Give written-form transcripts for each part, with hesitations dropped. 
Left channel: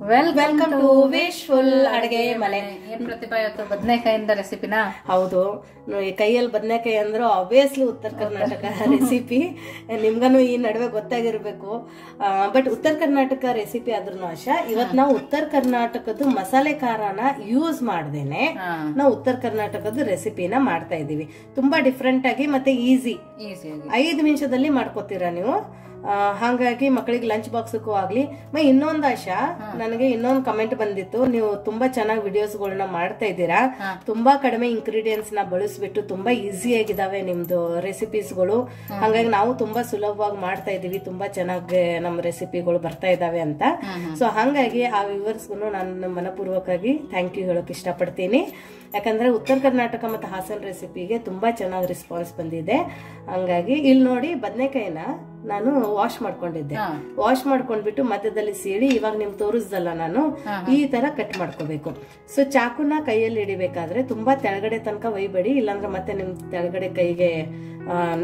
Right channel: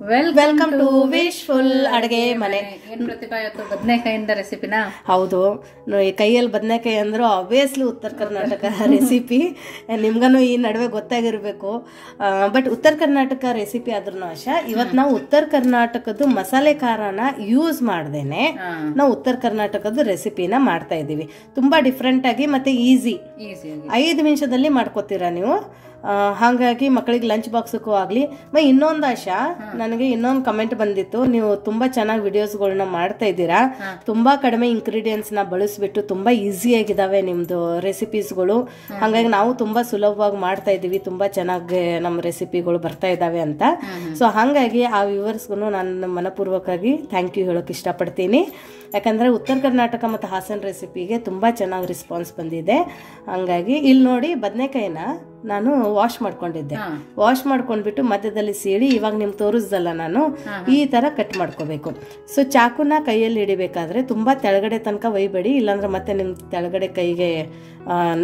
Welcome to wishful ಅಡುಗೆ ಮನೆ. ಏನ್ ಪ್ರತಿಭಾ ಇವತ್ತು ಬದನೆಕಾಯಿಂದ ರೆಸಿಪಿನಾ? ಹೌದು, ಕೈಯಲ್ಲಿ ಬದನೆಕಾಯಿ ಅಂದ್ರು ಆಬ್ವಿಯಸ್ಲಿ ಉತ್ತರ ಕರ್ನಾಟಕ ರೆಸಿಪಿ. ನಿಮ್ಗೂ ಈ ನಡುವೆ ಗೊತ್ತಾಗಿರ್ಬೇಕು. ಬಟ್ ಉತ್ತರ ಕರ್ನಾಟಕ ರೆಸಿಪಿ ಆದ್ರೂ ಆಶಾ, ಇವತ್ತು ನಾವು ಉತ್ತರ ಕರ್ನಾಟಕದ ಮಸಾಲೆ ಖಾರನ ಯೂಸ್ ಮಾಡ್ದೇನೆ ನಾವು ಉತ್ತರ ಕರ್ನಾಟಕದ ರೆಸಿಪಿನ ಮಾಡ್ತಾ ಇದೀವಿ. ತುಂಬಾ ಡಿಫ್ರೆಂಟ್ ಆಗಿ ಮತ್ತೆ ಈಸಿಯಾಗಿ 5 ನಿಮಿಷದಲ್ಲಿ ಮಾಡ್ಕೋತೀರಾ ನೀವು. ಹಾಗಾಗಿ ಮಕ್ಕಳಿಗೆ ಲಂಚ್ ಬಾಕ್ಸ್ಗೂ ಆಗ್ಲಿ. ಇನ್ನೊಂದು ಆಶಾ, ನನಗೆ ಇನ್ನೊಂದು ಕಮೆಂಟ್ ಬಂದಿತ್ತು, ನೀವು ತುಂಬಾ ಚೆನ್ನಾಗಿ ವಿಡಿಯೋಸ್ಗಳನ್ನ ಮಾಡ್ತಾ ಇದ್ದೀರಾ, ತುಂಬಾ ಕಡಿಮೆ ಇಂಗ್ರೀಡಿಯೆಂಟ್ಸ್ ನ ಬಳಸ್ಬಿಟ್ಟು ತುಂಬಾ ಈಸಿ ಆಗಿದಾವೆ ನಿಮ್ದು ರೆಸಿಪೀಸ್ಗಳು. ಹಾಗಾಗಿ ನಾವು ತುಂಬಾ ಸುಲಭವಾಗಿ ಮಾಡ್ತಾ ಇದೀವಿ, ತುಂಬಾ ಚೆನ್ನಾಗಿ ನಮ್ಮ ರೆಸಿಪಿಗಳು ಬರ್ತಾ ಇದಾವೆ ಅಂತ. ಸೊ ಹಾಗಾಗಿ ಆ ವ್ಯೂವರ್ಸ್ಗೂ ನಾನು ಮನಪೂರ್ವಕವಾಗಿ ಥ್ಯಾಂಕ್ ಯು ಹೇಳೋಕೆ ಇಷ್ಟಪಡ್ತೀನಿ. ಯಾಕಂದ್ರೆ ಉತ್ತರ ಕರ್ನಾಟಕ ಮತ್ತು ಹಾಸನ ರೆಸಿಪಿಗೆ ತುಂಬಾ ಚೆನ್ನಾಗಿ ರೆಸ್ಪಾನ್ಸ್ ಬಂದಿದೆ. ಹಂಗಾಗಿ ಇಲ್ಲಿ ನೋಡಿ, ಬದನೆಕಾಯಿನ ನಾನು ವಾಶ್ ಮಾಡ್ಕೊಂಡಿದ್ದೆ. ವಾಶ್ ಮಾಡ್ಕೊಂಡ್ಬಿಟ್ಟು ಮಧ್ಯದಲ್ಲಿ ಸೀಳಿ ಇವಾಗ ನಿಮ್ಗೆ ತೋರಿಸ್ದಲ್ಲ ನಾನು, ಈ ತರ ಕಟ್ ಮಾಡ್ಕೋಬೇಕು. ಸೊ ಚಾಕುನ ಕೈಯಲ್ಲಿ ಹಿಡಿಬೇಕಾದ್ರೆ ತುಂಬಾ ತೆಳಗಡೆ ತನಕ ಒಯ್ಬೇಡಿ, ಇಲ್ಲಾಂದ್ರೆ ಮತ್ತೆ ನಿಮ್ ತೆಳಗಡೆ ಕೈಗೆ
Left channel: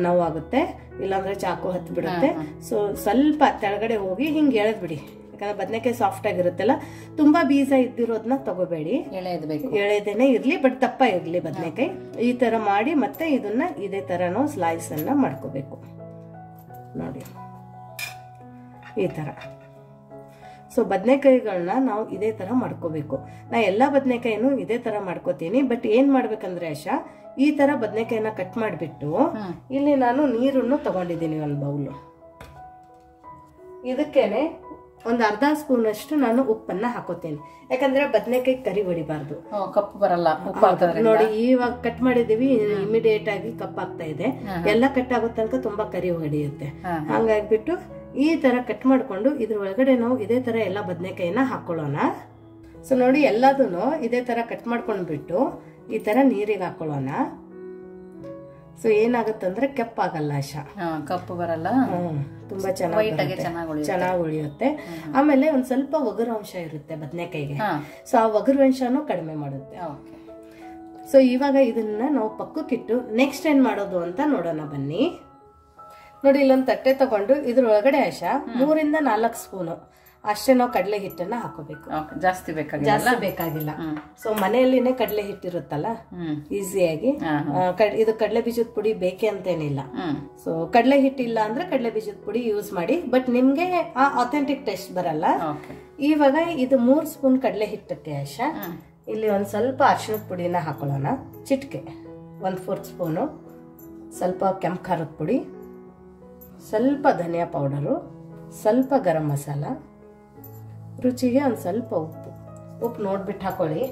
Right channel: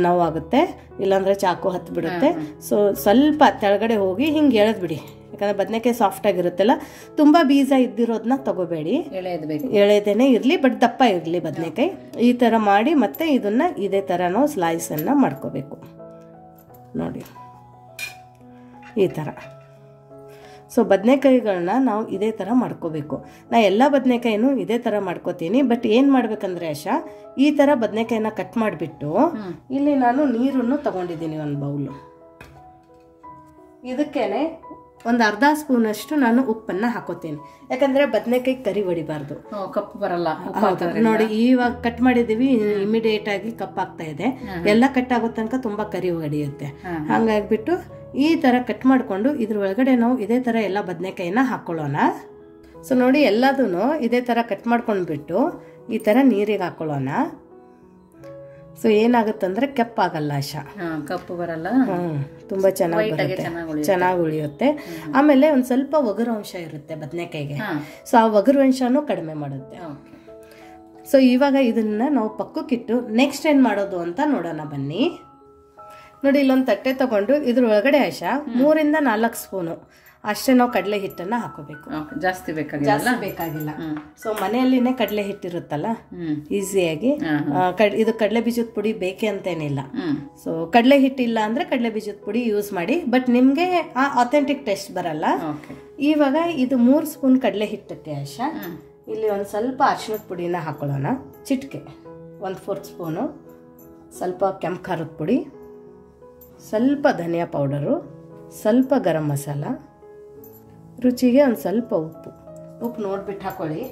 ನೋವಾಗುತ್ತೆ, ಇಲ್ಲಾಂದ್ರೆ ಚಾಕು ಹತ್ತು ಬಿಡುತ್ತೆ. ಸೊ ಸ್ವಲ್ಪ ತೆಳಗಡೆ ಹೋಗಿ ಹಿಂಗೆ ಎಳೆದ್ಬಿಡಿ, ಯಾಕಂದ್ರೆ ಬದನೆಕಾಯಿ ಸಾಫ್ಟ್ ಆಗಿರುತ್ತಲ್ಲ. ತುಂಬಾ ಬೀಜ ಇದ್ದಿರೋದನ್ನ ತಗೋಬೇಡಿ, ಎಳೆದೇನೆ ಇರ್ಲಿ, ಬಟ್ ದಪ್ಪ ಇರ್ಲಿ ಬದನೆಕಾಯಿ. ಈ ತರ ಮಾಡಿ ಮತ್ತೆ ಇದನ್ನ ಇದೇ ತರ ನಾವು ಸ್ಲೈಸ್ ಅನ್ನ ಮಾಡ್ಕೋಬೇಕು ನೋಡಿ, ಈ ತರ. ಸೊ ಬದನೆಕಾಯಿಗಳನ್ನ ನಾವು ಇದೇ ತರ ಮಾಡ್ಕೋಬೇಕು. ನಾ ಎಲ್ಲ ಬದನೆಕಾಯಿನೂ ಇದೇ ತರ ಮಾಡ್ಕೋತೀನಿ. ಬಟ್ ಏನ್ ಮಾಡ್ಬೇಕಂದ್ರೆ ಆಶಾ, ಈ ತರ ಬದನೆಕಾಯಿನ ಕಟ್ ಮಾಡಿಬಿಟ್ಟು ಇಲ್ಲಿ ನಾನು ನೀರನ್ನು ತಗೊಂಡಿದ್ದೀನಿ, ಒಂದು ಬೌಲು. ಇದಕ್ಕೇನೆ ಒಂದು ಅರ್ಧ ಸ್ಪೂನ್ ಅಷ್ಟು ನಾನು ಉಪ್ಪನ್ನ ಹಾಕೋತೀನಿ, ಯಾಕಂದ್ರೆ ಬದನೆಕಾಯಿ ಕರಿ ಹೊಡಿಬಾರ್ದು, ಕಪ್ಪು ಬರಲ್ಲ. ನೋಡಿ ಇವಾಗ ಕಟ್ ಮಾಡಿದೀವಿ, ಇಮಿಡಿಯೇಟ್ ಆಗಿ ಕಪ್ ಆಗ್ತಾ ಇದೆ. ಎಲ್ಲ ಕಟ್ ಆಗೋ ತನಕ ತುಂಬಾ ಕರಿ ಹೊಡಿಯುತ್ತೆ. ಹಂಗಾಗ್ಬಿಟ್ಟು ಈ ತರ ಕಟ್ ಮಾಡ್ಕೊಂಡು ಇದ್ರ ಒಳಗಡೆ ನಾವು ಇದೇ ತರ ಎಲ್ಲ ಬದನೆಕಾಯಿನ ಹಾಕೊಳ್ಳೋಣ. ಸೊ ನೋಡಿ, ಎಲ್ಲದೂ ಇದೇ ತರ ಕಟ್ ಮಾಡ್ಕೊಂಡ್ಬಿಟ್ಟು ಈ ತರ ನೀರಿಗೆ ಹಾಕೊಳ್ಳೋಣ. ಸೊ ಏನಾಗುತ್ತಂದ್ರೆ ಕೆಪ್ಪಾಗಲ್ಲ ಆಶಾ, ಕಪ್ಪು ಬರಲ್ಲ, ತುಂಬಾ ಚೆನ್ನಾಗಿ ಉಳಿಯುತ್ತೆ. ಆಮೇಲೆ ಒಂದ್ ಸ್ವಲ್ಪ ಒಗರು ಅಂಶ ಇರುತ್ತೆ ಬದನೆಕಾಯಿಗೆ, ಸೊ ಆ ಒಗರು ಅಂಶನೂ ಕಡಿಮೆ ಮಾಡುತ್ತೆ. ಸೊ ಇವಾಗ ಇದನ್ನ ನಾವು ಪಕ್ಕಕ್ಕಿಟ್ಟು ನೆಕ್ಸ್ಟ್ ಏನ್ ಮಾಡೋದು ಅಂತ ನೋಡೋಣ ಬನ್ನಿ. ನೋಡಿ, ಇಲ್ಲೊಂದು ತಟ್ಟೆ ತಗೊಂಡು ಇದ್ರ ಒಳಗಡೆ ಆಶಾ 3 ರಿಂದ 4 ಸ್ಪೂನು ಅಷ್ಟೇ ನಾವು ಕಡಲೆ ಹಿಟ್ಟನ್ನ ಹಾಕೋಬೇಕು. ಜಾಸ್ತಿ ಬೇಕಾಗಿಲ್ಲ. ಸೊ ಮನೆಯಲ್ಲಿನೇ ಕಡಲೆ ಹಿಟ್ಟಿರುತ್ತಲ್ಲ, ಈಸಿಯಾಗಿ. ಇದು ಕಡಲೆ ಬೀಜದ ಪುಡಿ ಬೇಕೆ ಅಂತೇನಿಲ್ಲ. ಸೊ ಕಡಲೆ ಹಿಟ್ಟಿಲ್ಲ ಅಂದ್ರೆ ಕಡಲೆ ಬೀಜದ ಪುಡಿ ಯೂಸ್ ಮಾಡಿ, ಬಟ್ ನಿಮ್ಗೆ ಆ ಅಥೆಂಟಿಕ್ ಟೇಸ್ಟ್ ಬರಲ್ಲ. ಇವಾಗ ಇದು 3 ಸ್ಪೂನ್ ಕಡಲೆ ಹಿಟ್ಟಕ್ಕೆ ಆಶಾ, ಇಲ್ಲಿ ಒಂದ್ ಸ್ವಲ್ಪ ಅರಿಶಿಣದ ಪುಡಿನ ಹಾಕೊಳ್ಳೋಣ, ಚಿಟಿಕೆ 1/4 ಸ್ಪೂನು, ಸ್ವಲ್ಪ ಕೆಂಪು ಖಾರದ ಪುಡಿ, ಸ್ವಲ್ಪ ಧನಿಯಾ ಪೌಡರು, ಸ್ವಲ್ಪ ಗರಂ ಮಸಾಲ, ರುಚಿಗೆ ಒಂದು ಸ್ವಲ್ಪ ಉಪ್ಪು ನೋಡ್ಬಿಟ್ಟು ಹಾಕೊಳ್ಳಿ.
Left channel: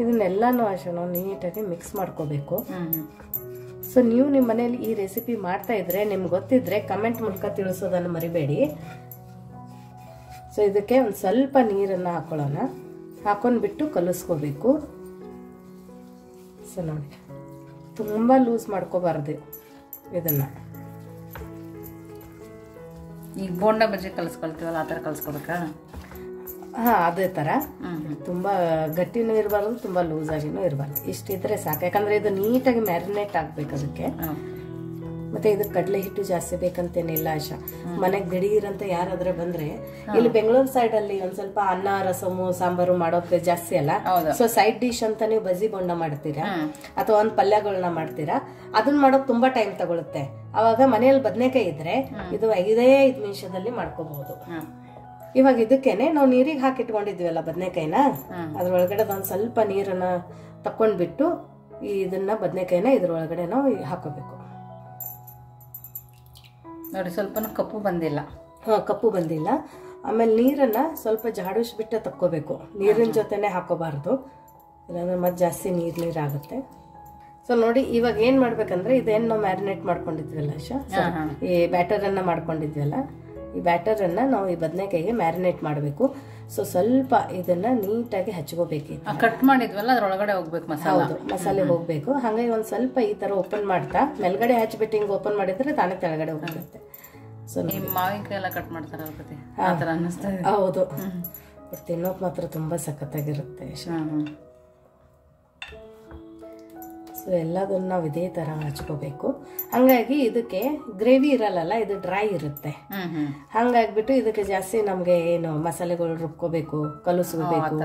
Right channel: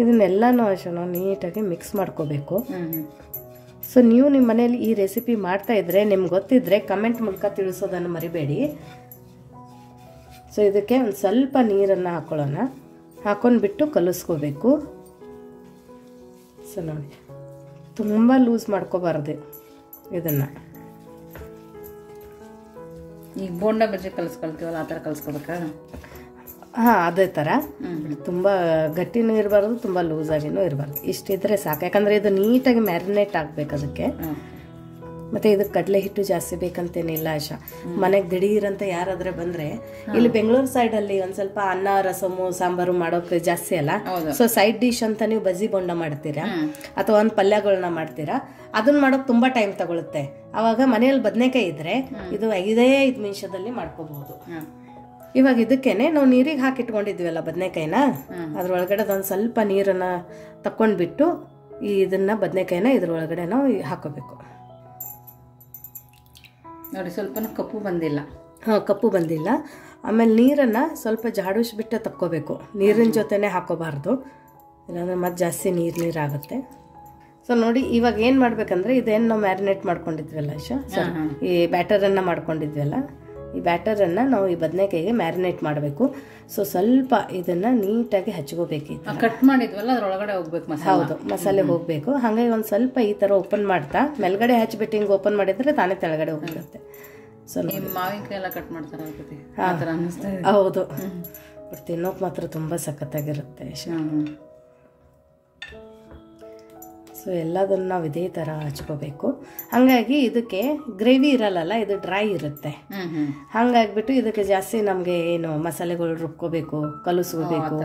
ಇದನ್ನೆಲ್ಲನೂ ಅಷ್ಟೇ ನಾವು ನೀಟಾಗಿ ಮಿಕ್ಸ್ ಮಾಡ್ಕೋಬೇಕು. ಸೊ ನೀವು ನಿಮ್ಮ ಮನೇಲಿ ಈ ರೆಸಿಪಿ ಮಾಡ್ತಾ ಇದ್ರೆ, ನಿಮ್ಗೆ ಗೊತ್ತಿದ್ರೆ ಕಮೆಂಟ್ ಮೂಲಕ ತಿಳಿಸೋದನ್ನು ಮರಿಬೇಡಿ. ಸೊ ಇದಕ್ಕೆ ಒಂದು ಸ್ವಲ್ಪ ನೀರನ್ನು ಹಾಕೊಳ್ಳೋಣ, ಹಾಕೊಂಡ್ಬಿಟ್ಟು ಕಲಿಸ್ಕೋಬೇಕು. ಸೊ ನೋಡಿ, ತುಂಬ ಲೂಸ್ ಮಾಡ್ಕೋಬಾರ್ದು ಇದನ್ನು. ಈಗ ಬೋಂಡ ಬಜ್ಜಿ ಕಲಿಸ್ಕೊಳ್ತೀವಲ್ಲ, ಆ ಥರ ಕಲಿಸ್ಕೋಬೇಕಾ? ಅದೇ ಥರ. ತುಂಬ ಗಟ್ಟಿನೂ ಇರಬಾರ್ದು, ತುಂಬ ಲೂಸ್ ಆಗಿನೂ ಇರಬಾರ್ದು, ಇಷ್ಟಿದ್ರೆ ಸಾಕು. ಯಾಕಂದರೆ ಇದು ನೀಟಾಗಿ ಮ್ಯಾರಿನೇಟ್ ಆಗಬೇಕು ಅದಕ್ಕೆ. ಮತ್ತೆ ಇದಕ್ಕೆ ಕಡಲೆ ಹಿಟ್ಟು ಜಾಸ್ತಿ ಬೇಕಂತೇನಿಲ್ಲ ಆಶಾ. ಮನೆಗೆ ದಿಢೀರಂತ ಯಾರಾದ್ರೆ ಬಂದ್ರೆ, ಇಲ್ಲಿ ಬೆಂಗಳೂರು ಸೈಡ್ ಅಲ್ಲಿ ಒಂದ್ ಸ್ವಲ್ಪ ಅನ್ನ, ರಸಮು, ಸಾಂಬಾರು ಮಾಡೋಕೆ ಜಾಸ್ತಿ ಅಲ್ಲ. ಸೊ ಸೈಡ್ ಡಿಶ್ ಅಂತ ನೀವು ಬಜ್ಜಿ ಬೋಂಡ ಮಾಡ್ತೀರಾ ಅಥವಾ ಒಂದ್ ಪಲ್ಯಗಳನ್ನ ಮಾಡ್ತೀರಾ, ಅದನ್ನ ಮಾಡೋಕ್ ತುಂಬಾ ಟೈಮ್ ತಗೊಳುತ್ತೆ. ಅವಾಗ ಮನೆಯಲ್ಲಿ ಬದನೆಕಾಯಿ ಇದ್ರೆ ಇದು 5 ನಿಮಿಷದಲ್ಲಿ ಮಾಡ್ಕೋಬಹುದು. ಇವಾಗ ಇದಕ್ಕೇನೆ ನಾವು ನೀರಿಗೆ ಹಾಕಿಟ್ಕೊಂಡಿದ್ವಲ್ಲ ಬದನೆಕಾಯಿನ, ಅದ್ರೊಳಗಡೆ ಒಂದ್ ಸ್ವಲ್ಪ ನೀರನ್ನ ತಕೊಂಡ್ಬಿಟ್ಟು ಇದನ್ನ ಬದನೆಕಾಯಿನ ಇದ್ರೊಳಗಡೆ ನಾವು ಹಾಕೋಬೇಕು. ನೋಡಿ, ಸ್ವಲ್ಪ ಕಪ್ಪು ಬಂದಿಲ್ಲ. ಕಪ್ಪು ಬಂದಿಲ್ಲ. ಆಮೇಲೆ ನೀರನ್ನ ಸ್ವಲ್ಪ ಜಾಡಿಸ್ಬಿಟ್ಟು ತಕ್ಕೋಬೇಕು, ನೀರಿನ ಜೊತೆನೆ ಹಾಕೋಬಾರ್ದು, ಇಲ್ಲಾಂದ್ರೆ ಮತ್ತೆ ಜಾಸ್ತಿ ನೀರಾಗುತ್ತೆ. ಸೊ ನೋಡಿ, ಇವಾಗ ಏನ್ ಮಾಡ್ಬೇಕಂದ್ರೆ, ಇದೇನು ನಾವು ಮ್ಯಾರಿನೇಟ್ ಮಾಡ್ಕೊಂಡಿದ್ವಲ್ಲ ಆಶಾ, ಈ ಬ್ಯಾಟರನ್ನ ಮಾಡ್ಕೊಂಡಿದ್ವಲ್ಲ, ಈ ಬ್ಯಾಟರನ್ನ ನಾವು ಈ ಬದನೆಕಾಯಿಗೆ ಮ್ಯಾರಿನೇಟ್ ಮಾಡಬೇಕು. ಸೊ ಸ್ವಲ್ಪ ಇದನ್ನ ನೀಟಾಗಿ ಹಚ್ಕೋಬೇಕು. ಕಟ್ ಮಾಡಿದ್ವಲ್ಲ ಅದ್ರೊಳಗಡೆ ಹೋಗ್ಬೇಕು ಮಸಾಲೆ. ಹೌದು, ಮಸಾಲೆ ಹೋಗ್ಬೇಕು. ಹಾಗಾಗಿ ಒಂದ್ ಸ್ವಲ್ಪ ಈ ತರ ಓಪನ್ ಮಾಡ್ತಾ ಮೇಲ್ಗಡೆ ಹಚ್ಬಿಟ್ಟು ಹಿಂಗ್ ಓಪನ್ ಮಾಡಿದ್ರೆ ತಾನೇ ತೆಳಗಡೆ ಹೋಗ್ಬಿಡುತ್ತೆ. ಸೊ ಮಾವಿನಕಾಯಿ ಎಲ್ಲ ಕಟ್ ಮಾಡ್ತಾರೆ ಆ ಥರ ಅನ್ನಿಸ್ತಾ ಇದೆ. ಹೌದು, ತಿನ್ನೋಕ್ ಮಾತ್ರ ತುಂಬಾ ಸಖತ್ತಾಗಿರುತ್ತೆ. ಸೊ ಎಲ್ಲದನ್ನು ನಾವು ಇದೇ ಥರ ಹಚ್ಕೋಬೇಕು. ಹಾಗಾಗಿ ಇದಕ್ಕೆ ಗ್ರೇವಿ ಇರಲ್ಲ, ಇದು ಡ್ರೈ ಇರುತ್ತೆ. ಹಾಗಾಗ್ಬಿಟ್ಟು ಇದಕ್ಕೆ ಜಾಸ್ತಿ ನಮಗೆ ಏನು ಮಸಾಲೆಗಳು ರುಬ್ಕೋಬೇಕು, ಕಲಸ್ಕೋಬೇಕು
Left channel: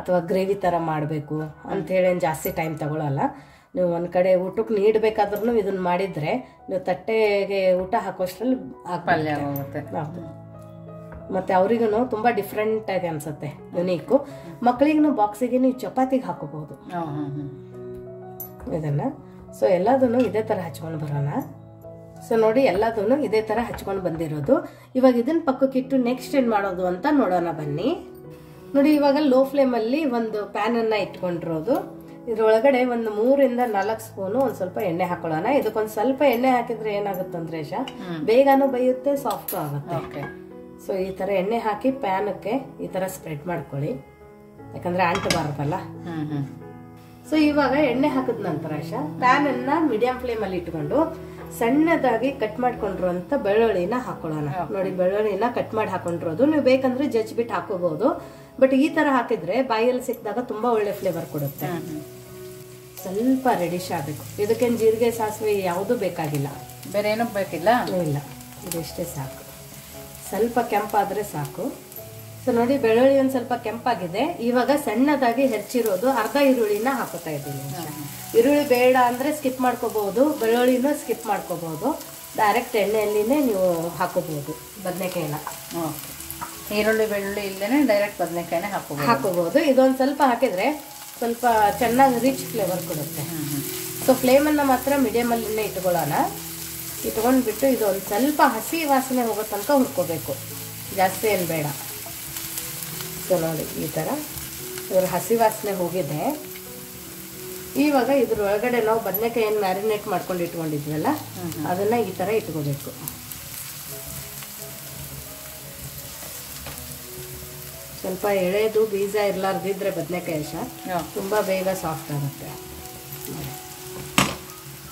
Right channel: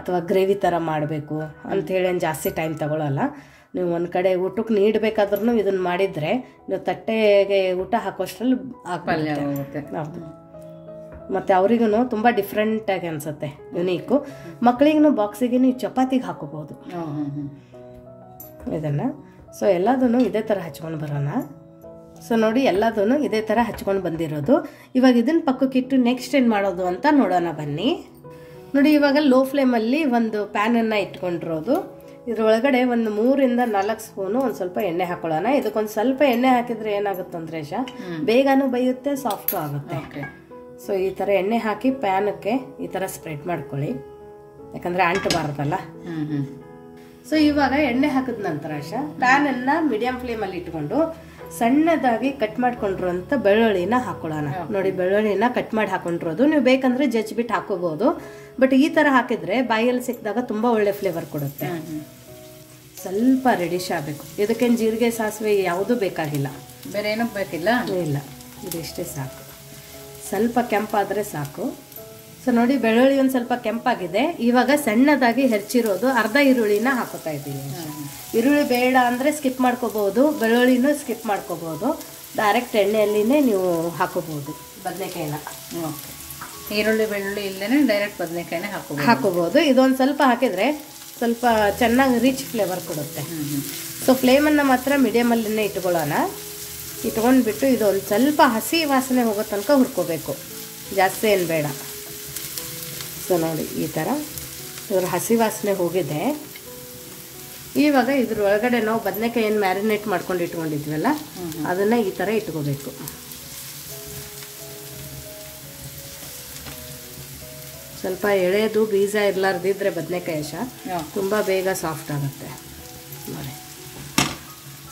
ಅಥವಾ ಗ್ರೇವಿ ಥರ ಮಾಡಬೇಕು ಅಂಥೇಳಿ ಏನು ಜಾಸ್ತಿ ಟೈಮ್ ತಗೊಳ್ಳಲ್ಲ. ನೀವು ಒಂದು ಕಡೆ ಊಟಕ್ಕೆ ನೀಡಬೇಕಾದ್ರೂ ಇದನ್ನು ಮಾಡಿದರೆ ನೀವು ತಟ್ಟೆಗೆ ಊಟ ಹಾಕೋಷ್ಟರಲ್ಲಿ ಪಲ್ಯ ಹೋಗುತ್ತೆ. ಮತ್ತು ಅವ್ರಿಗೂ ತುಂಬ ಡಿಫ್ರೆಂಟಾಗಿ ಅನಿಸುತ್ತೆ, ಯುನೀಕು. ಮಕ್ಕಳಿಗೂ ಬಾಕ್ಸಿಗೆ ನೀವು ಚಪಾತಿಗೆ ಹಾಕೋಬೋದು ಇದನ್ನು. ಸೊ ಎಲ್ಲದನ್ನು ಇದೇ ಥರ ಹಚ್ಕೊಂಡು ಬರೋಣ. ಸೊ ನೋಡಿ ಎಲ್ಲದನ್ನು ಇದೇ ಥರ ಹಚ್ಕೊಂಡು ಬಂದಿರೋದು. ಇವಾಗ ಇದನ್ನ ಪಕ್ಕಕ್ಕಿಟ್ಟು ನೆಕ್ಸ್ಟ್ ಏನು ಮಾಡೋದು ಅಂತ ನೋಡೋಣ ಬನ್ನಿ. ನೋಡಿ ಇವಾಗ ಲೋ ಫ್ಲೇಮಲ್ಲಿ ಒಂದು ಪ್ಯಾನನ್ನು ಇಟ್ಕೊಂಡಿರೋದು. ಇದ್ರೊಳಗಡೆ ಒಂದು 3 ಇಂದ 4 ಸ್ಪೂನು ಒಂದು ಸ್ವಲ್ಪ ಎಣ್ಣೆ ಹಾಕೊಳ್ಳೋಣ. ಇದಕ್ಕೊಂದು ಸ್ವಲ್ಪ ಎಣ್ಣೆ ಹಾಕಿದ್ರೆ ಏನಾಗುತ್ತೆ ಅಂದ್ರೆ ಬೇಗನೂ ಬೇಯುತ್ತೆ, ಸಾಫ್ಟು ಆಗುತ್ತೆ. ಸೊ ಈ ಥರ ಎಣ್ಣೆ ಹಾಕಿ ಪ್ಯಾನಕ್ಕೆ ಈ ಥರ ಸ್ಪ್ರೆಡ್ ಮಾಡ್ಕೊಳ್ಳಿ, ಯಾಕಂದ್ರೆ ಅಂಟಬಾರ್ದಲ್ಲ. ಸೊ ಇವಾಗ ಎಣ್ಣೆ ಹಾಕಿದ ನಂತರ ಪ್ಯಾನನ್ನ ಮೀಡಿಯಂ ಫ್ಲೇಮಲ್ಲಿ ಇಟ್ಕೊಂಡು ಸಣ್ಣದಾಗಿ ಕಟ್ ಮಾಡ್ಕೊಂಡಿರುವಂತ ಬೆಳ್ಳುಳ್ಳಿನ ಹಾಕೊಳ್ಳೋಣ. ನೋಡಿ ಬೆಳ್ಳುಳ್ಳಿನ ಕಟ್ ಮಾಡಿ ಹಾಕೊಂಡಿರೋದು. ನೀವು ಬೇಕಂದ್ರೆ ಜಜ್ಬಿಟ್ಟು ಹಾಕೋಬಹುದು, ಬಟ್ ಈ ತರ ಹಾಕಿದ್ರೆ ಬಾಯಲ್ಲಿ ಸಿಕ್ಕಿದಾಗ ತುಂಬಾ ಒಳ್ಳೆ ಫ್ಲೇವರ್ ಕೊಡುತ್ತೆ. ಸ್ವಲ್ಪ ರೆಡಿಶ್ ಆಗಬೇಕು. ಇದಕ್ಕೇನು ಜೀರಿಗೆ ಸಾಸಿವೆ ಯಾವುದು ಬೇಕಾಗಿಲ್ಲ, ಬೇರೆ ಏನೂ ಬೇಕಿಲ್ಲ. ಇಲ್ಲ, ಇದೆಷ್ಟೇ ಸಾಕು. ಸ್ವಲ್ಪ ಕೆಂಪಾದ್ರೆ ಸಾಕು. ಸೊ ನೋಡಿ ಬೆಳ್ಳುಳ್ಳಿ ಒಂದು ಸ್ವಲ್ಪ ಕೆಂಪಾಗಿದೆ. ಇವಾಗ ಸಣ್ಣದಾಗಿ ಹೆಚ್ಚಿರೋದು ಅರ್ಧ ಈರುಳ್ಳಿನ ಹಾಕೋತಾ ಇದ್ದೀನಿ. ಈರುಳ್ಳಿ ಬೇಡ ಅಂದ್ರೆ ಸ್ಕಿಪ್ ಮಾಡ್ಕೋಬಹುದು, ಬೆಳ್ಳುಳ್ಳಿನೂ ಸ್ಕಿಪ್ ಮಾಡ್ಕೋಬಹುದು. ಡೈರೆಕ್ಟ್ ಎಣ್ಣೆಯಲ್ಲಿನೇ ನೀವು ಹಾಕೋಬಹುದು ಬದನೆಕಾಯಿನ. ಈರುಳ್ಳಿ ಬೆಳ್ಳುಳ್ಳಿ ಇಲ್ದೇನೆ ಡೈರೆಕ್ಟ್ ಬದನೆಕಾಯಿನ ಹಾಕೋಬಹುದು. ಇದೊಂದು ಸ್ವಲ್ಪ ಹಾಕಿದ್ರೆ ಸ್ವಲ್ಪ ಚೆನ್ನಾಗಿ ರಿಚ್ ಫ್ಲೇವರ್ ಕೊಡುತ್ತೆ. ಸೊ ಫ್ಲೇಮನ್ನು ಮಾತ್ರ ಮೀಡಿಯಮಲ್ಲಿನೇ ಇಟ್ಕೊಳ್ಳೋಣ. ಇಟ್ಕೊಂಡ್ಬಿಟ್ಟು ಇದೊಂದು ಸ್ವಲ್ಪ ಹಸಿ ವಾಸನೆ ಹೋಗೋ ತನಕ ಹುರ್ಕೋಬೇಕು, ಜಾಸ್ತಿ ಏನು ಬೇಡ. ಸೊ ನೋಡಿ ಈ ಥರ ಇದ್ರ ಹಸಿ ವಾಸನೆ ಹೋಗಿದೆ. ಇವಾಗ ಇದ್ರ ಒಳಗಡೆ ನಾವು ಬದನೆಕಾಯಿ ಏನು ಮ್ಯಾರಿನೇಟ್ ಮಾಡ್ಕೊಂಡು ಇಟ್ಕೊಂಡಿದ್ವಲ್ಲ ಅದನ್ನ ಈ ಥರ ಇಟ್ಕೋಬೇಕು. ಸ್ವಲ್ಪ ಎಳೆದು ಬೀಜ ಇರ್ಲಾರ್ದಿದ್ರೆ ಬದನೆಕಾಯಿ ತುಂಬ ಬೇಗ ಸಾಫ್ಟ್ ಆಗುತ್ತೆ.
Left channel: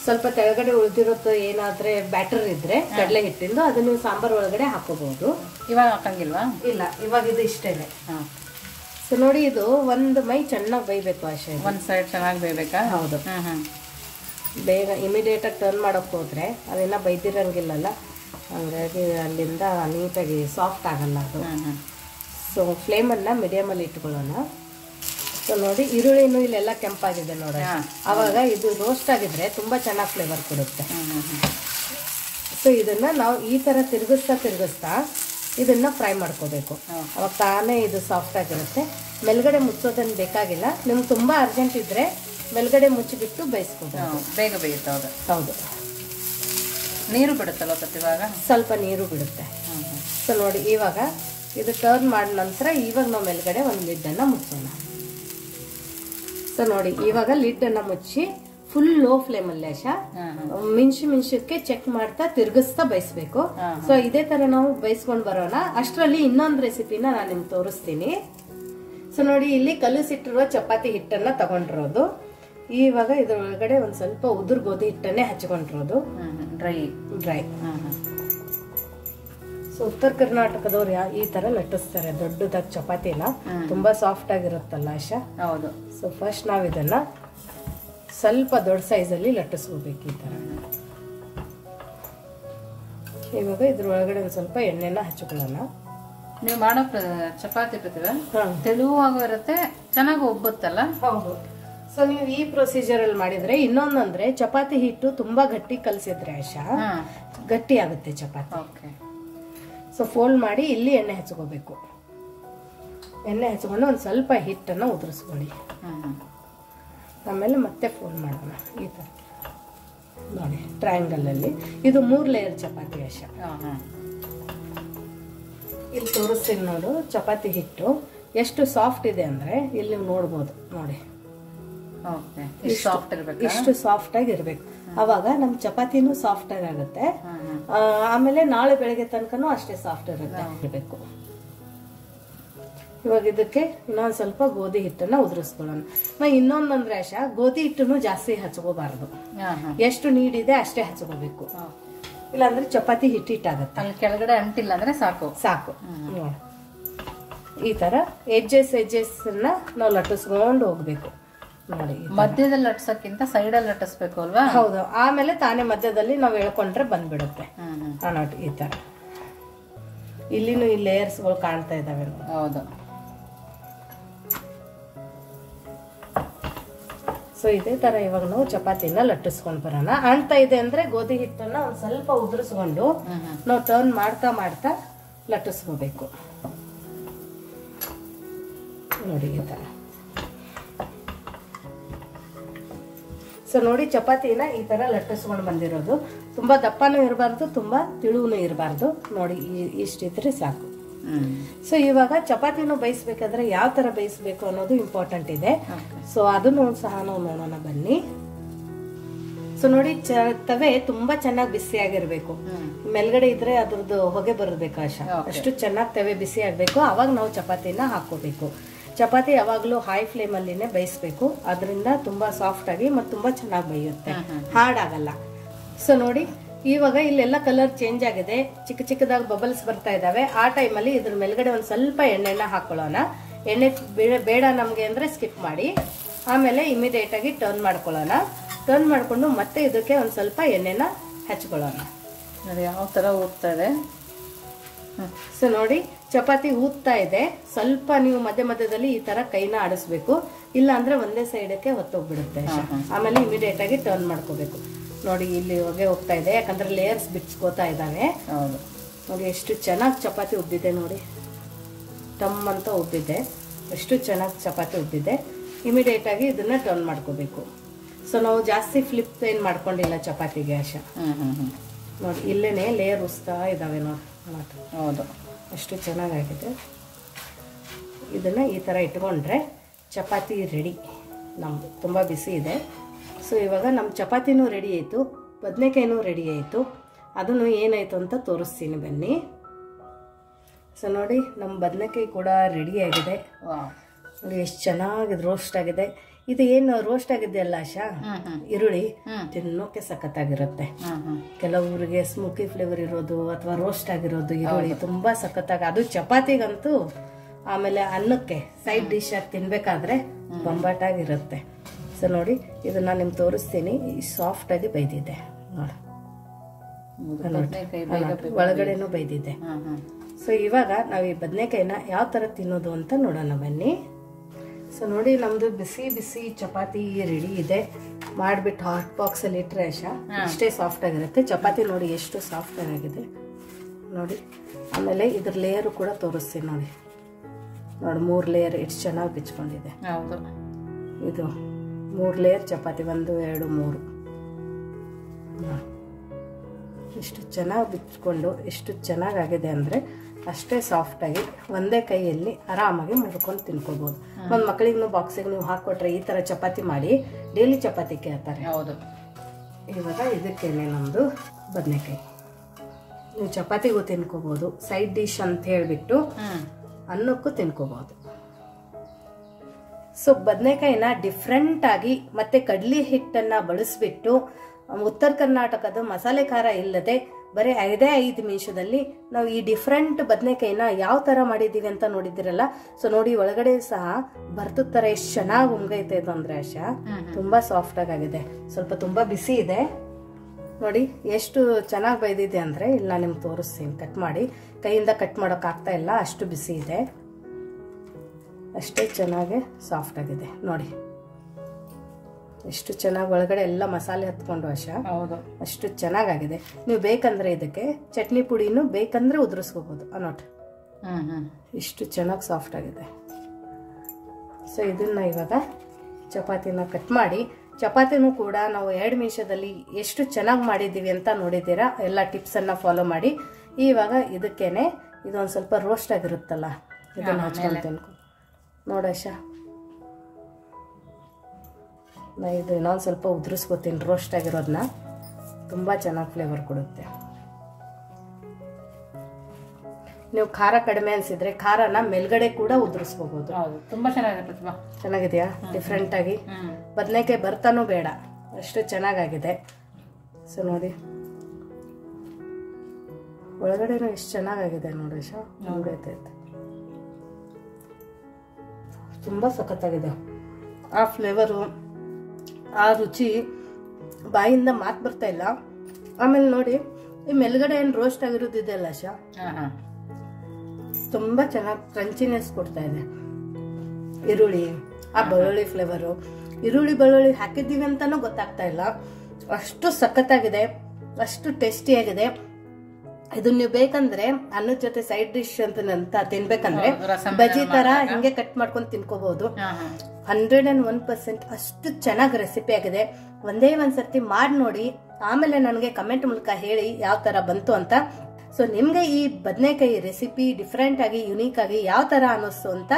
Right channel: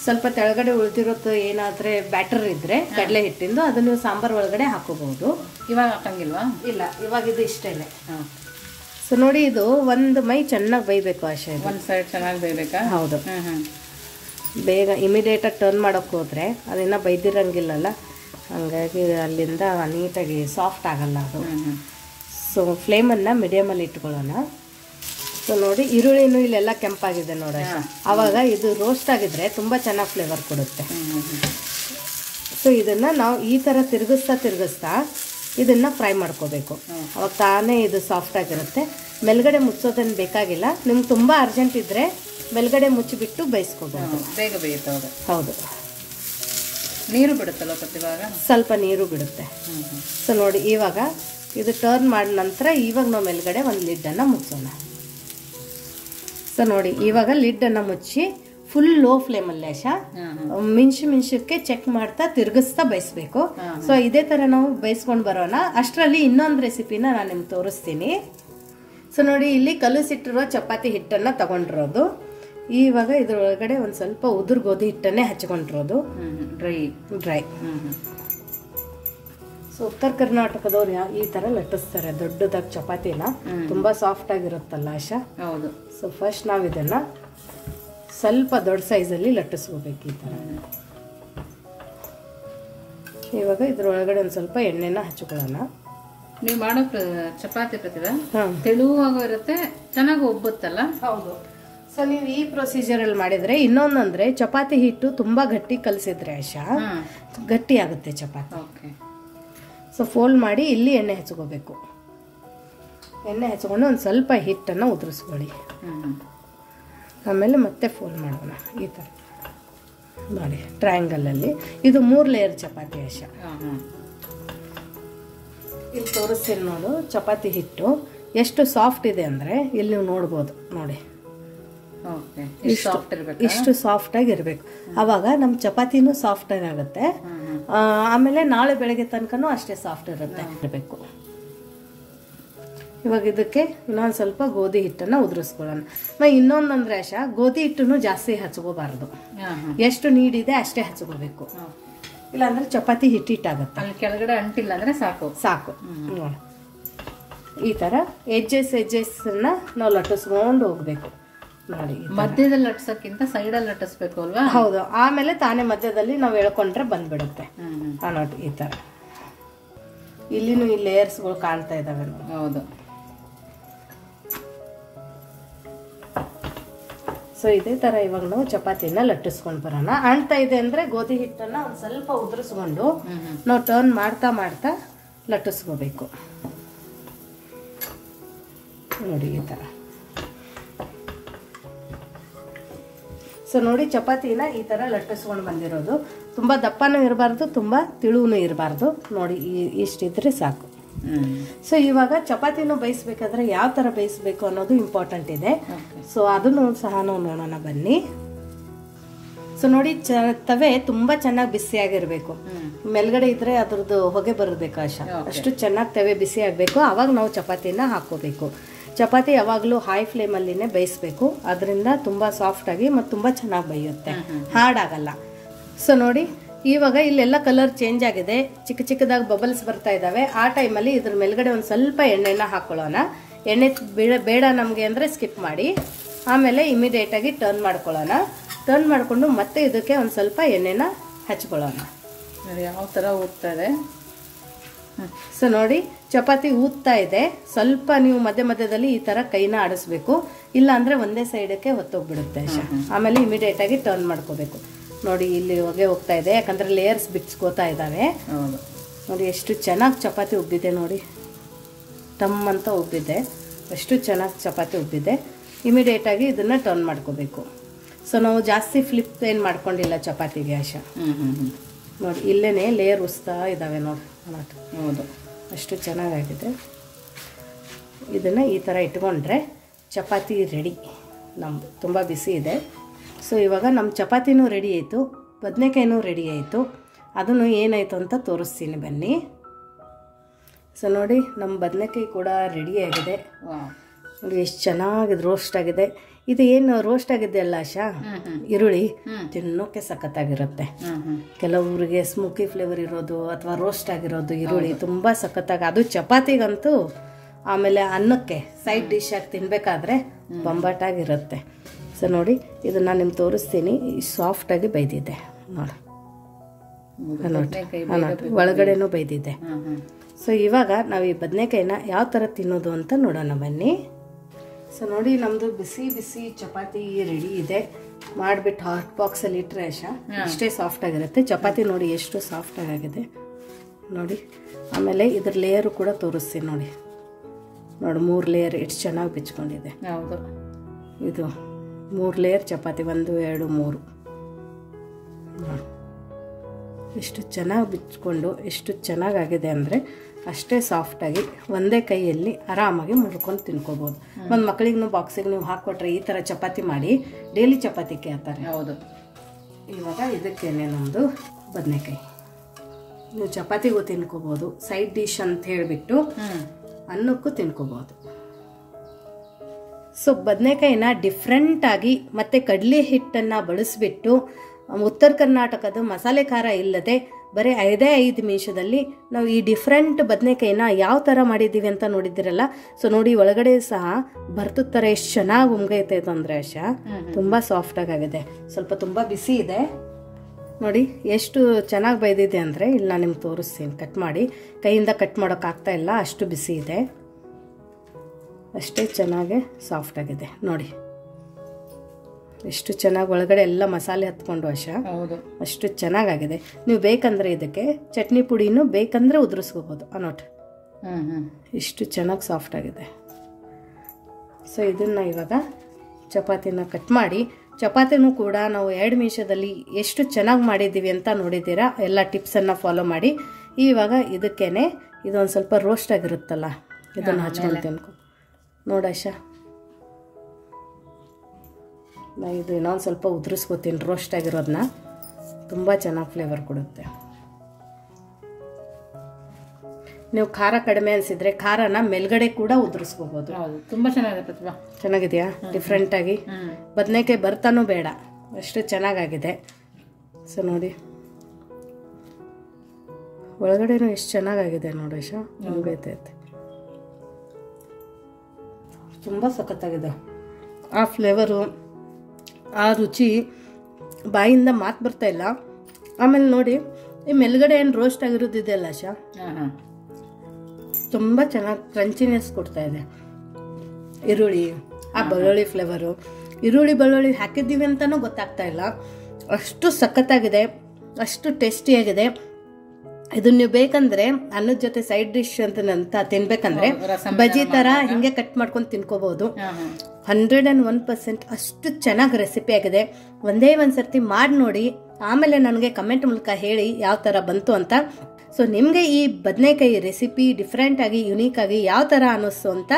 ಸ್ವಲ್ಪ ತೆಳಗಡೆ ಉಳಿದಿರುತ್ತೆ ಏನಾದ್ರೆ ಬ್ಯಾಟರ್ ಇದ್ರೆ ಕಡಲೆ ಹಿಟ್ಟಿಂದು ಅದನ್ನು ಸಾಂಬಾರ್ ಒಳಗಡೆ ಹಾಕೋಬಹುದು. ಇವಾಗ ಹಾಕಂಗಿಲ್ವಾ? ಇಲ್ಲ, ಇವಾಗ ಇದು ಇಷ್ಟೇನೆ. ಸೊ ನೋಡಿ ಇದು ಒಂದು ಮೈ ಚೆನ್ನಾಗಿ ಬೇಯಬೇಕು ಆಶೆ. ಒಂದ್ ಸೈಡ್ ಚೆನ್ನಾಗಿ ಬೇಯಬೇಕಾ? ಹೌದು. ಬೇಗ ಇಮಿಡಿಯೇಟ್ ಆಗಿ ಟರ್ನ್ ಮಾಡೋಕೆ ಹೋದ್ರೆ ಅದನ್ನ ಬೈದಿರಂಗಿಲ್ಲಲ್ಲ, ಹಂಗಾಗಿ ಅಲ್ಲಿಂದ ನೀಟಾಗಿ ಸಾಫ್ಟ್ ಆಗಲ್ಲ ಅದು. ಸೊ ಫ್ಲೇಮನ್ನು ಮೀಡಿಯಮಲ್ಲಿ ಇಟ್ಕೊಳ್ಳೋಣ. ಸೊ ನೋಡಿ ಈರುಳ್ಳಿನೂ ಇಲ್ಲೆಲ್ಲ ಕೆಂಪಾಗಿದೆ ನೋಡಿ. ಆವಾಗ ಇದು ರೋಸ್ಟ್ ಆಗಿದ್ರೆ ತುಂಬ ಚೆನ್ನಾಗಿ ಫ್ಲೇವರ್ ಕೊಡುತ್ತೆ. ಸೊ ಇದನ್ನು ನಾವು ಈ ಥರ ತಿರುಗಿಸ್ತಾ ಇದನ್ನು ಫ್ರೈ ಮಾಡ್ಕೋಬೇಕು. ಅವಾಗ ತಾನೇ ಇದು ಸಾಫ್ಟ್ ಆಗಿರುತ್ತೆ. ಮೇಲ್ಗಡೆ ಮುಚ್ಚೋದನ್ನು ಬೇಕಾಗಿಲ್ಲ. ನಿಮ್ಗೆ ತುಂಬ ಅರ್ಜೆಂಟ್ ಇದ್ದರೆ ಮೇಲ್ಗಡೆ ಮುಚ್ಚಿಬಿಟ್ಟು ಬೇಯಿಸ್ಕೋಬೋದು, ಬೇಗ ಬೇಯುತ್ತೆ. ಹೌದು. ನೀರು ಬಿಡುತ್ತಲ್ಲ ಇವಾಗ? ಸ್ವಲ್ಪ ನೀರು ಬಿಡುತ್ತೆ. ಸೊ ನೋಡಿ ಇವಾಗ ಇದು ಟರ್ನ್ ಮಾಡಿದ ನಂತರ ಇವಾಗ ನಾವು ಮೇಲ್ಗಡೆ ಒಂದು ಲಿಡ್ಡನ್ನು ಮುಚ್ಚೋಣ. ಸೊ ನೋಡಿ ಇವಾಗ ಲಿಡ್ಡನ್ನು ಮುಚ್ಚಿ ಫುಲ್ ಲೋ ಫ್ಲೇಮಲ್ಲಿ ಮಿಂಚಕ್ಕೆ ಚೆಕ್ ಮಾಡ್ತಾ ತಿರುಗಿಸ್ತಾ ಬೇಯಿಸ್ಬೇಕು. ಸೊ ಇದೇ ತರ ನಾವು ಬೇಯಿಸ್ಕೊಂಡು ಬರೋಣ. ಅಷ್ಟರಲ್ಲಿ ಇನ್ನೊಂದು ರೆಸಿಪಿನ ನಾನು ನಿಮ್ಗೆ ತೋರಿಸ್ತೀನಿ. ಸೊ ನೋಡಿ ಇಲ್ಲಿ ಕಲಸಿಟ್ಟಿರೋ ಚಪಾತಿ ಹಿಟ್ಟನ್ನ ತಗೊಂಡಿರೋದು. ಇವಾಗ ಇದ್ರೊಳಗಡೆ ಒಂದು ಸ್ವಲ್ಪ ಉದುರು ಗೋಧಿ ಹಿಟ್ಟನ್ನೇ ಹಚ್ಕೊಂಡಿರೋದು, ಡ್ರೈ. ಸೊ ಉತ್ತರ ಕರ್ನಾಟಕದವ್ರು ಈ ತರ ಲಟ್ಟಿಸ್ತಾರೆ ದೊಡ್ಡದಾಗಿ ಚಪಾತಿನ, ತುಂಬಾ ಸಾಫ್ಟ್ ಆಗಿರುತ್ತಲ್ಲ ಆಶಾ? ಹೌದು. ಸೊ ಫಸ್ಟ್ ನಾವು ಇದನ್ನ ಸ್ವಲ್ಪ ದೊಡ್ಡ ಸೈಜಲ್ಲಿ ಲಟ್ಟಿಸ್ಕೋಬೇಕು ಈ ತರ. ಇವಾಗ ಇದ್ರೊಳಗಡೆ ಒಂದು ಸ್ವಲ್ಪ ಎಣ್ಣೆನ ಹಚ್ಕೊಳ್ಳೋಣ. ನೀವು ಮಾಡೋ ಚಪಾತಿ ತೆಳುವಾಗೂ ಇರುತ್ತೆ, ಚೆನ್ನಾಗಿ ಒಬ್ಬುತ್ತಲ್ಲ? ಹೌದು. ಸೊ ನೀವು ಈ ಪ್ರೊಸೀಜರ್ ಅಲ್ಲಿ ಮಾಡಿದ್ರೆ ಇನ್ನೊಂದಂದ್ರೆ ಚಪಾತಿ ಹಿಟ್ಟು ತುಂಬಾ ಗಟ್ಟಿ ಕಲಸಿದ್ರೆ ಆಶಾ ಗಟ್ಟಿ ಆಗುತ್ತೆ ಚಪಾತಿ. ಸೊ ಫೋಲ್ಡ್ ಮಾಡಿ ಇಲ್ಲಿ ಎಣ್ಣೆ ಹಚ್ಕೋಬೇಕು. ಎಣ್ಣೆ ಹಚ್ಕೊಂಡು ಒಂದು ಸ್ವಲ್ಪ ಹಿಟ್ಟನ್ನು ಉದುರಿಸ್ಕೊಳ್ಳಿ. ಆಮೇಲೆ ಮತ್ತೆ ಫೋಲ್ಡ್ ಮಾಡೋಣ ಈ ಥರ ನೋಡಿ ಟ್ರಯಾಂಗಲಲ್ಲಿ. ಇದು 3 ಲೇಯರ್ ಚಪಾತಿ ಆಶಾ. ಇಲ್ಲಿ ತೋರಿಸ್ತೀನಿ ನೋಡು ಚಪಾತಿ ಹಿಟ್ಟು ಎಷ್ಟು ಸಾಫ್ಟ್ ಇದೆ ಅಂದರೆ ಇಲ್ಲಿ ನೀವು ನೋಡ್ಬೋದು ನೋಡಿ. ಇಷ್ಟು ಸಾಫ್ಟ್ ಆಗಿ ಇರ್ಬೇಕು, ಅವಾಗ ನಮ್ ಚಪಾತಿನೂ ಸಾಫ್ಟ್ ಆಗಿ ಆಗುತ್ತೆ. ಆಮೇಲೆ ನಾಳೆ ಬೆಳಗ್ಗೆ ತನಕನೂ ಅಷ್ಟೇ ಸಾಫ್ಟ್ ಇರಬೇಕು. ಇವಾಗ ಇದಕ್ಕೆ ಇನ್ನೊಂದು ಸ್ವಲ್ಪ ಗೋಧಿ ಹಿಟ್ಟನ್ನ ಉದುರಿಸ್ಕೊಳ್ಳೋಣ. ಇನ್ನೊಂದಂದ್ರೆ ಆಶಾ ಗೋಧಿ ಹಿಟ್ಟನ್ನು ಜಾಸ್ತಿ ಹಚ್ಕೋಬಾರ್ದು, ಎಷ್ಟು ನೀಡಿದೆ ಅಷ್ಟೇ ಹಚ್ಕೋಬೇಕು. ಇಲ್ಲಾಂದ್ರೆ ಚಪಾತಿ ಹಿಟ್ಟಿಟ್ಟಾಗತ್ತೆ. ಅಲ್ಲಿ ಕೆಳಗಡೆ ಅಂಟಿಲ್ಲ ಅಂದ್ರೆ ಸಾಕು. ಈ ತರ ಎಜ್ಜಸ್ ನಾವು ಲಟ್ಟಿಸ್ಕೊಂಡು ಹೋಗ್ಬೇಕು ನೋಡಿ ಮಧ್ಯದಲ್ಲಿ ಲಟ್ಸಕ್ಕಿಂತ ಸೈಡಲ್ಲಿ ಲಟ್ಟಿಸ್ಬೇಕು ಅಲ್ವಾ? ಹೌದು, ಆಮೇಲೆ ತಾನೇ ಮಧ್ಯದಲ್ಲಿ ನಾವು ಎಳ್ಕೊಂಡ್ರೆ ಬಂದ್ಬಿಡುತ್ತೆ. ನೋಡಿ ಈ ತರ ಇಲ್ಲಿನೂ ಈ ಲೇಯರ್ಸ್ಗಳು ಕಾಣ್ತಾ ಇದಾವೆ. ಹೌದು. ಸೊ ಇದೇ ತರ ಇವಾಗ ನಾವು ಚಪಾತಿನ ಲಟ್ಟಿಸ್ಕೊಂಡು ಬರೋಣ. ಅಣ್ತಾ ಇದೆ ಅಂದ್ರೆ ಗೋಧಿ ಹಿಟ್ಟನ್ನ ಒಂದ್ ಸ್ವಲ್ಪ ಉದುರಿಸ್ಕೊಂಡು ನಾವು ಟರ್ನ್ ಮಾಡ್ತಾ ಮಾಡ್ತಾ ಲಟ್ಟಿಸ್ಕೋಬೇಕು. ನೋಡಿ ಈ ತರ. ಸೊ ನೋಡಿ ಚಪಾತಿನ ಈ ತರ ಲಟ್ಟಿಸ್ಕೊಂಡು ಬಂದಿರೋದು. ತುಂಬಾ ದಪ್ಪನೂ ಇರಬಾರ್ದು, ತುಂಬಾ ತಿಳುವೂ ಇರಬಾರ್ದು. ನೋಡಿ ಇಷ್ಟಿದ್ರೆ ಸಾಕು. ಸೊ ಇವಾಗ ಚಪಾತಿನೂ ಬೇಯಿಸ್ಬೇಕಾದ್ರೆ ಯಾವ ತರ ಬೇಯಿಸ್ಬೇಕು ಅನ್ನೋದು ಇಂಪಾರ್ಟೆಂಟ್ ಇದೆ. ಸೊ ಅದನ್ನು ಸಹ ನಾವು ನೋಡೋಣ ಬನ್ನಿ. ಸೊ ನೋಡಿ ತವೆ ತುಂಬಾ ಚೆನ್ನಾಗಿ ಬಿಸಿಯಾಗಿರ್ಬೇಕು. ಮೇಲ್ಗಡೆ ಇದ್ರೆ ಅದ್ರದ್ದು ಹೊಗೆ ಬರಬೇಕು ಅಷ್ಟು ಚೆನ್ನಾಗಿ ತವೆ ಬಿಸಿ ಆಗ್ಬೇಕು. ಅವಾಗ ನಾವು ಚಪಾತಿನ ಹಾಕೋಬೇಕು. ಚಪಾತಿ ಯಾವಾಗ್ಲೂ ಹೈ ಫ್ಲೇಮ್ ಅಲ್ಲಿನೇ ಬೇಯಿಸ್ಬೇಕು. ಅದರಿಂದ ತುಂಬಾ ಸಾಫ್ಟ್ ಆಗಿ ಮತ್ತು ತುಂಬಾ ಚೆನ್ನಾಗಿ ಬೇಯುತ್ತೆ, ಹಾರ್ಡ್ ಆಗಲ್ಲ. ಸೊ ನೋಡಿ ಇವಾಗ ಇಲ್ಲೆಲ್ಲ ಕಲರ್ ಚೇಂಜ್ ಆಗಿದೆ, ಚಿಕ್ಕ ಚಿಕ್ಕದಾಗಿ ಬಬಲ್ಸ್ ಬರ್ತಾ ಇದಾವೆ. ಆ ಟೈಮಲ್ಲಿ ಇದ್ರ ಮೇಲ್ಗಡೆ ಒಂದ್ ಸ್ವಲ್ಪ ಎಣ್ಣೆನ ಹಾಕೊಳ್ಳೋಣ. ಎಣ್ಣೆ ಬೇಡ ನಮ್ಗೆ ಅಂದ್ರೆ ಸ್ಕಿಪ್ ಮಾಡಿ. ಆಮೇಲೆ ಇಮಿಡಿಯೇಟ್ ಆಗಿ ಟರ್ನ್ ಮಾಡ್ಕೊಳ್ಳೋಣ. ಟರ್ನ್ ಮಾಡ್ಕೊಂಡು ಮತ್ತೆ ಇದಕ್ಕೆ ಒಂದ್ ಸ್ವಲ್ಪ ಎಣ್ಣೆನ ಹಚ್ಕೊಳ್ಳೋಣ. ನೋಡಿ ಯಾವ ತರ ಊದ್ತಾ ಇದೆ. ಸೊ ನೋಡಿ ಚಪಾತಿ ಊದ್ತಾ ಇದೆ. ಸ್ವಲ್ಪ ನೀವು ಮಧ್ಯ ಮಧ್ಯದಲ್ಲಿ ಈ ತರ ಕೈನ ಆಡಿಸ್ಬೇಕು, ಇಲ್ಲ ಅಂದ್ರೆ ಒಂದೇ ಸೈಡಕ್ಕೆ ಹೊತ್ತೋಗ್ಬಿಡುತ್ತೆ. ಆಮೇಲೆ ಇಮಿಡಿಯೇಟ್ ಆಗಿ ಟರ್ನ್ ಮಾಡ್ಕೋಬೇಕು. ನೋಡಿ ಇಲ್ಲಿ ಹೊಗೆ ಹೋಗ್ತಾ ಇದೆ, ಯಾಕಂದ್ರೆ ಲೇಯರ್ಸ್ ಬಿಡ್ಸ್ಕೋತಾ ಇದಾವೆ. ನೋಡಿ ಎಷ್ಟು ಚೆನ್ನಾಗಿ ಚಪಾತಿ ಉಬ್ಬಿದೆ. ನೋಡಿ ಟಮ್ ಅಂತ ಉಬ್ಬಿದೆ, ಎಷ್ಟು ಚೆನ್ನಾಗಿ ಚಪಾತಿ ಉಬ್ಬಿದೆ. ಇಮಿಡಿಯೇಟ್ ಆಗಿ ಇದನ್ನ ಟರ್ನ್ ಮಾಡ್ಕೋಬೇಕು. ಸೊ ನಾವು ಜಾಸ್ತಿ ಫ್ಲಿಪ್ ಏನ್ ಮಾಡ್ಕೊಂಡಿಲ್ಲ ಚಪಾತಿಗೆ ಆಶಾ. ನೋಡಿ ಇಲ್ಲೇನೆ ಲೇಯರ್ ಉಸ್ತಾ ಇದಾವೆ ನೋಡಿ. ಹೌದು, ಅಷ್ಟು ಚೆನ್ನಾಗಿದೆ. ಇದನ್ನ ಈ ತರ ಇಟ್ಕೊಂಡ್ರೆ ಚಪಾತಿ ರೆಡಿ. ನಮ್ದು ತುಂಬಾ ಬಿಸಿ ಇದೆ. ಸೊ ಇವಾಗ ನಮ್ಮ ಚಪಾತಿನೂ ರೆಡಿ ಆಯಿತು, ಬದನೆಕಾಯಿನೂ ರೆಡಿ ಆಯಿತು. ಅದನ್ನು ಏನಾಯಿತು ಅಂತ ತೋರಿಸ್ತೀನಿ ಬನ್ನಿ. ಸೊ ನೋಡಿ ನಮ್ಮ ಬದನೆಕಾಯಿ ಕೂಡ ರೆಡಿ ಆಗಿದೆ. ನೋಡಿ ಎಷ್ಟು ಚೆನ್ನಾಗಿದೆ, ರೋಸ್ಟ್ ಆಗಿದೆ. ಇದು ಏನು ರೋಸ್ಟ್ ಆಗಿದೆ ಅಲ್ಲ ಆಶಾ, ಈರುಳ್ಳಿ ತಿನ್ನೋಕೆ ಸಖತ್ತಾಗಿರುತ್ತೆ. ಕೆಲವರಿಗೆ ಸ್ಮೋಕಿ ಫ್ಲೇವರ್ ಇರೋದು ಅಥವಾ ರೋಸ್ಟ್ ಆಗಿರೋದು ಈರುಳ್ಳಿ ತುಂಬಾ ಸಖತ್ತಾಗಿ, ಅದು ಚಪಾತಿಗಂತೂ ಆಮೇಲೆ ಅನ್ನಕ್ಕೆ ಸೈಡ್ ಡಿಶ್ ಆಗಿ ತಿನ್ಬೇಕಾದ್ರೆ ಬೊಂಬಾಟಾಗಿರುತ್ತೆ. ಸೊ ನೋಡಿ ಇದನ್ನ ನಿಮ್ಗೆ ತೋರಿಸ್ತೀನಿ. ಸಾಫ್ಟ್ ಆಗಿ ಬೈದಿದೆ ನೋಡಿ, ಒಳಗಡೆನೂ ಬೈದಿದೆ. ಸೊ ಇವಾಗ ನಾವು ಈ ಬದನೆಕಾಯಿನ ಯಾವ ತರ ತಿನ್ನೋದು ಅಂತ ನೋಡೋಣ ಬನ್ನಿ. ಸೊ ನೋಡಿ ನಮ್ದು ಬಿಸಿ ಬಿಸಿ ಚಪಾತಿ ರೆಡಿ ಇದೆ. ಮಾಡ್ಬಿಟ್ಟು ಹಾಟ್ ಬಾಕ್ಸ್ ಅಲ್ಲಿ ಇಟ್ರೆ ಇಷ್ಟೇ ಸಾಫ್ಟ್ ಆಗಿರುತ್ತೆ. ಚಪಾತಿ ನೋಡಿ ಎಷ್ಟು ಸಾಫ್ಟ್ ಆಗಿದೆ ನೋಡಿ. ಆಮೇಲೆ ಇದ್ರ ಲೇಯರ್ ಕೂಡ ತೋರಿಸ್ತೀನಿ ನೋಡಿ. ನೋಡಿ 3 ಲೇಯರ್ ಎಷ್ಟು ಚೆನ್ನಾಗಿ ಬಿಚ್ಕೊಂಡಿದೆ. ಇದು 3 ಲೇಯರ್ ಚಪಾತಿ, 1 2 3. ಎಷ್ಟು ಚೆನ್ನಾಗಿ ಬಿಚ್ಕೊಂಡು ಎಷ್ಟು ಚೆನ್ನಾಗಾಗಿದೆ ಅಂದರೆ ಅಷ್ಟೇ ಸಾಫ್ಟಾಗಿ ಒಂದೇ ಕೈಯಲ್ಲಿ ಆರಾಮಾಗಿ ಮುರ್ಕೊಂಡು ತಿನ್ಕೋಬೋದು. ಒಂದು ಮಕ್ಕಳಿಗೂ ಬಾಕ್ಸಿಗೆ ನೀವು ಹಾಕ್ಕೊಟ್ರೆ ಈ ಥರ ಚಪಾತಿ ಮಾಡಿ ಡೈಲಿ ಚಪಾತಿ ಕೇಳ್ತಾರೆ. ಹೌದು. ಇವಾಗ ಇದಕ್ಕೇನೆ ನಮ್ಮದು ಬದನೆಕಾಯಿ. ನೀವು ಚಪಾತಿಗೂ ತಿನ್ಕೋಬೋದು, ಸೈಡ್ ಡಿಶ್ ಅಂತ ಹೇಳಿಬಿಟ್ಟು ಅನ್ನಕ್ಕೂ ತಿನ್ಕೋಬೋದು. ಸೊ ಬದನೆಕಾಯಿನ ಡಿಫ್ರೆಂಟ್ ಆಗಿ ಮತ್ತೆ ಕಡಲೆ ಹಿಟ್ಟನ್ನು ಬಳಸಿಬಿಟ್ಟು ಉತ್ತರ ಕರ್ನಾಟಕದ ಮಸಾಲೆ ಖಾರ ಇಲ್ಲದೆ ಬರೀ 5 ನಿಮಿಷದಲ್ಲಿ ನಾವು ಈ ಡಿಫ್ರೆಂಟ್ ಬದನೆಕಾಯಿನ ಯಾವ ಥರ ಮಾಡಿದ್ದೀವಿ ಅಂತ ನೋಡಿದ್ದೀರಲ್ಲ. ಸೊ ನೋಡಿ ಒಳಗಡೆ ಸಹ ಭರ್ತದ ಥರ ಎಷ್ಟು ಚೆನ್ನಾಗಿ ಉಮ್ಗೈತೆ ಇದು ಅಂದರೆ ಆಶಾ, ತುಂಬ ಸಾಫ್ಟಾಗಿ ಆಗಿದೆ. ಸ್ವಲ್ಪ ತುಂಬ ಬಿಸಿ ಇದೆ ನೋಡಿ, ಎಷ್ಟು ಚೆನ್ನಾಗಿ ಬೈದಿದೆ ಅಂದರೆ ಇಲ್ಲಿ ನಾನು ನಿಮ್ಗೆ ತೋರಿಸ್ತೀನಿ. ಕಟ್ ಮಾಡಿ ಕೈಯಿಂದ ಕಟ್ ಮಾಡೋಕ್ಕಾಗ್ತಾ ಇಲ್ಲ, ಅಷ್ಟು ಬಿಸಿ ಇದೆ. ಅಷ್ಟೇ ಚೆನ್ನಾಗಿ ಸಾಫ್ಟ್ ಆಗಿದೆ ನೋಡಿ. ಎಷ್ಟು ಚೆನ್ನಾಗಿ ಒಳಗಡೆ ಎಲ್ಲ ಮಸಾಲೆ ಹತ್ಕೊಂಡು ಆಶಾ, ಅಷ್ಟು ಚೆನ್ನಾಗಾಗಿದೆ. ನೀವು ಬೇಕಂದ್ರೆ ಇದಕ್ಕೆ ಚಟ್ನಿ ಪುಡಿನೂ ಬೇಕಂದ್ರೆ ಉದುರಿಸ್ಕೋಬೋದು ಅನ್ನೋಟ್. ಇಷ್ಟು ಚೆನ್ನಾಗಿ ಸಾಫ್ಟ್ ಆಗಿದೆ. ಸೊ ಇದನ್ನ ಇವಾಗ ಚಪಾತಿನ ಕಟ್ ಮಾಡಿ, ಚಪಾತಿನೂ ಕೂಡ ನಾವು 2 ನಿಮಿಷದಲ್ಲಿ ಎಷ್ಟು ಚೆನ್ನಾಗಿ ಮಾಡಿದ್ದೀವಿ ಅಂತ ನೋಡಿದ್ದೀರಾ. ಎಲ್ಲ ಟಿಪ್ಸನ್ನು ಫಾಲೋ ಮಾಡಿ. ಇವಾಗ ಇದಕ್ಕೇನೆ ಇದೊಂದು ಸ್ವಲ್ಪ ರೋಸ್ಟ್ ಆಗಿರುತ್ತಲ್ಲ, ಇದನ್ನು ಹಚ್ಕೊಂಡು ತಿನ್ಕೊ ನೋಡಾಶಾ. ನಾ ಇದು ಇನ್ನೊಂದು ಸ್ವಲ್ಪ ಉದುರಿಸ್ಕೋತೀನಿ ರೋಸ್ಟ್ ಆಗಿರೋದನ್ನ, ತುಂಬ ಚೆನ್ನಾಗಿ ಫ್ಲೇವರ್ ಕೊಡುತ್ತೆ. ನೀವು ಖಾರ ಕಡಿಮೆ ಅನಿಸಿದ್ರೆ ಖಾರನ ಮೇಲ್ಗಡೆ ಕೂಡ ಉದುರಿಸ್ಕೋಬೋದು. ತುಂಬ ಚೆನ್ನಾಗಿರುತ್ತೆ. ಚೆನ್ನಾಗಿದೆಯಾ? ಡಿಫ್ರೆಂಟ್ ಆಗಿ ಬದನೆಕಾಯಿ ಬರ್ತಾನೂ ಬೇಡ, ಅಷ್ಟು ಚೆನ್ನಾಗಾಗಿದೆ. ಸೊ ನೋಡಿ ಒಳಗಡೆನೂ ಎಷ್ಟು ಚೆನ್ನಾಗಾಗಿದೆ ನೋಡಿ ಆಶಾ, ಮುಗೈತೈತೆ. ತುಂಬ ಸಖತ್ತಾಗಿದೆ. ಆ ಫ್ಲೇವರು, ಆ ರುಚಿ ಬಾಯಿಂದ ಮಾತು ಬರ್ತಾ ಇಲ್ಲ. ಆಮೇಲೆ ನೋಡಿ ಈ ಮೇಲ್ಗಡೆ ಏನು ರೋಸ್ಟ್ ಆಗಿರೋದಿದೆಯಲ್ಲ ಆಶಾ, ತುಂಬ ಚೆನ್ನಾಗಿ ಕ್ರಂಚಿನೆಸ್ ಕೊಡ್ತಾ ಇದೆ. ಈರುಳ್ಳಿ, ಆ ಬೆಳ್ಳುಳ್ಳಿ ಫ್ಲೇವರು, ಈರುಳ್ಳಿ ಬೆಳ್ಳುಳ್ಳಿ ಹಾಕಿದ್ದೀವಿ ಅಂತಾನೂ ಗೊತ್ತಾಗ್ತಾ ಇಲ್ಲ, ಅಷ್ಟು ಸಖತ್ತಾಗಿದೆ, ಅಷ್ಟು ಟೇಸ್ಟಿಯಾಗಿದೆ. ಇದನ್ನ ನೀವು ಬೇಕಂದ್ರೆ ಅನ್ನದ ಜೊತೆ ಸೈಡ್ ಡಿಶ್ ಅಂತ ತಿನ್ಬೇಕಂದ್ರೆ ಬಜ್ಜಿ ತರ ಹಿಂಗೆ ಕಟ್ ಮಾಡ್ಕೊಂಡು ತಿನ್ಕೋಬಹುದು. 101% ಅಷ್ಟು ಚೆನ್ನಾಗಿ ರೆಸಿಪಿ ಆಗಿದೆ. ಒಂದೇ ಒಂದ್ಸರ್ತಿ ಮಾಡಿ ನೋಡಿ, ಆಮೇಲೆ ನನಗೆ ಕಮೆಂಟ್ ಮೂಲಕ ಹೇಳಿ ಯಾವ ತರ ಬಂತು ಅಂತ. ಸೊ ನಿಮಗೆ ಈ ಬದನೆಕಾಯಿ ರೆಸಿಪಿ ಡಿಫ್ರೆಂಟ್ ಆಗಿ ಯುನೀಕ್ ಆಗಿ ಯಾವ ತರ ಅನ್ನಿಸ್ತು ಅಂತ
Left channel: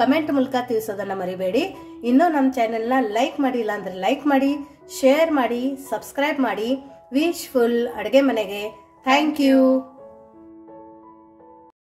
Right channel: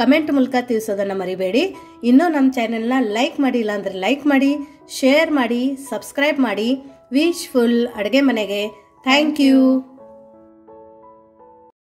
ಕಮೆಂಟ್ ಮೂಲಕ ತಿಳಿಸೋದನ್ನ ಮರಿಬೇಡಿ. ಇನ್ನೂ ನಮ್ಮ ಚಾನೆಲ್ನ ಲೈಕ್ ಮಾಡಿಲ್ಲ ಅಂದ್ರೆ ಲೈಕ್ ಮಾಡಿ, ಶೇರ್ ಮಾಡಿ, ಸಬ್ಸ್ಕ್ರೈಬ್ ಮಾಡಿ. ವಿಶ್ ಫುಲ್ ಅಡುಗೆ ಮನೆಗೆ ಥ್ಯಾಂಕ್ ಯು.